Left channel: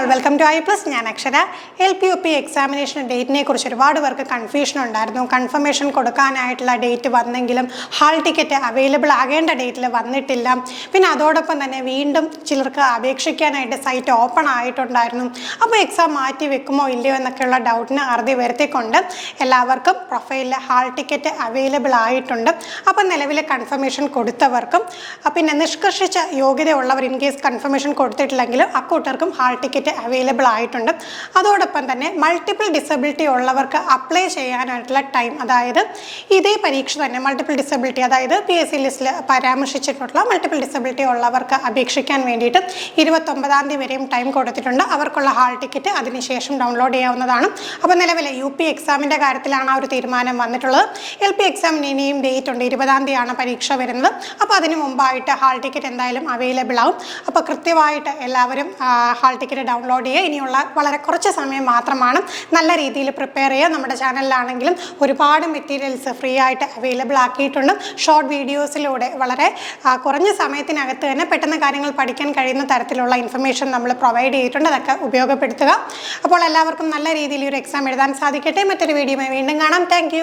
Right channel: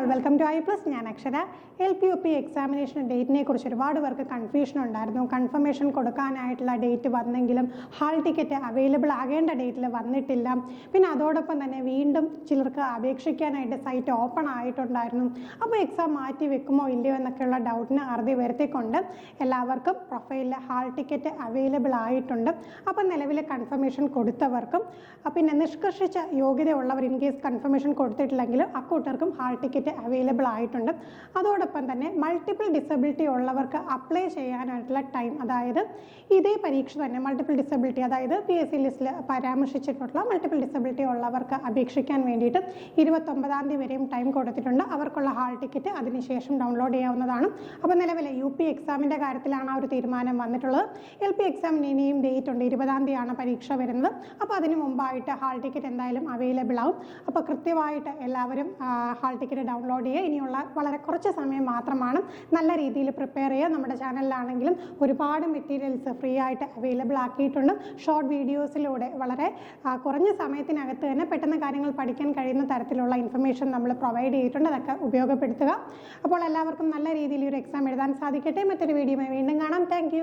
all, welcome to I+. ഞാൻ അക്ഷര. LPUP examination ഡേറ്റിനെ കുറിച്ച് ഒരുപാട് പേർക്ക് കൺഫ്യൂഷൻ ഉണ്ടായിരുന്നു. കൺഫർമേഷൻ കൊടുക്കാനായിട്ടുള്ള ഡേറ്റ് വന്നെങ്കിലും ഹാൾ ടിക്കറ്റ് അവൈലബിൾ ആകേണ്ട ഡേറ്റിൽ വന്നിട്ടില്ല. പിന്നെ അതോടൊപ്പം തന്നെ വീണ്ടും ചിലർക്ക് അപേക്ഷിക്കാനായിട്ട് സൈറ്റ് ഓപ്പൺ ആയിട്ടുണ്ടായിരുന്നു. അപ്പോൾ എക്സാം മാറ്റി വെക്കുമോ ഇല്ലയോ എന്നൊക്കെയുള്ള ഡൗട്ടിന് അറുതി വരുത്തിക്കൊണ്ട് എല്ലാവർക്കും പ്രൊഫൈലിൽ ഹാൾ ടിക്കറ്റ് അവൈലബിൾ ആയിട്ടുണ്ട്. അപ്പോൾ നിലവിലെ കൺഫർമേഷൻ കൊടുത്തവർക്കും പിന്നെ നിഷ്കർഷിച്ച യോഗ്യതയുള്ളവർ ഇൻ കേസ് കൺഫർമേഷൻ കൊടുത്തിട്ടില്ലെങ്കിലും അക്കൂട്ടർക്കും ഹാൾ ടിക്കറ്റ് അവൈലബിൾ ആയിട്ടുണ്ട്. അതോടൊപ്പം തന്നെ മൾട്ടിപ്പിൾ ഡിസബിലിറ്റി ഉള്ളവർക്ക് അപ്ലൈ ചെയ്യാനായിട്ടുള്ള ടൈം, അതായത് ഇതേ പരീക്ഷ തന്നെ മൾട്ടിപ്പിൾ ഡിസബിലിറ്റി, അതായത് PSC ലിസ്റ്റിൽ പരാമർശിച്ചിട്ടുള്ള മൾട്ടിപ്പിൾ ഡിസബിലിറ്റി ഉള്ളവർക്ക് അപേക്ഷിക്കാൻ വേണ്ടിയിട്ട് 29-ാം തീയതി വരെയും ടൈം കൊടുത്തിട്ടുണ്ട്. അവർക്കുള്ള ഹാൾ ടിക്കറ്റ് അതിനുശേഷം ഡൗൺലോഡ് ചെയ്യാവുന്നതാണ്. അപ്പോൾ നിലവിലെ UP എക്സാമിൻ്റെ കാര്യത്തിലാണ് ആ ഒരു തീരുമാനം വന്നിട്ടുള്ളത്. LP എക്സാമിന് ഇനിയും ഡേറ്റ് ഉണ്ട്, 20-ാം തീയതിയാണ് പരീക്ഷ വരുന്നത്. അപ്പോൾ അതിന് മുമ്പായിട്ട് ഹാൾ ടിക്കറ്റ് എന്തായാലും അവൈലബിൾ ആവും. അപ്പോൾ കൃത്യമായിട്ട് എല്ലാവരും ഹാൾ ടിക്കറ്റ് ഡൗൺലോഡ് ചെയ്യുക. ഇനിയുള്ള വളരെ കുറച്ച് സമയം മാത്രമാണ്. നല്ല രീതിയിൽ പ്രിപ്പയർ ചെയ്യുക. നമ്മുടെ ചാനലിലാണെങ്കിലും ഒരുപാട് മെറ്റീരിയൽസ് ഫ്രീ ആയിട്ട് അവൈലബിൾ ആക്കിയിട്ടുണ്ട്. ഷോർട്ട് വീഡിയോസിലൂടെ വളരെ കുറഞ്ഞ സമയത്തിനകത്ത് തന്നെ പെട്ടെന്ന് കാര്യങ്ങൾ പഠിക്കാൻ കഴിയുന്ന തരത്തിലുള്ള ഇൻഫർമേഷൻ നമ്മൾ പ്രൊവൈഡ് ചെയ്തിട്ടുണ്ട്. അതൊക്കെ ഉപയോഗപ്പെടുത്തുക. അപ്പോൾ എല്ലാവർക്കും നല്ല രീതിയിൽ ഒരു എക്സാം എഴുതാൻ സാധിക്കട്ടെ. മറ്റൊരു വീഡിയോയുമായി വീണ്ടും കാണാം. താങ്ക്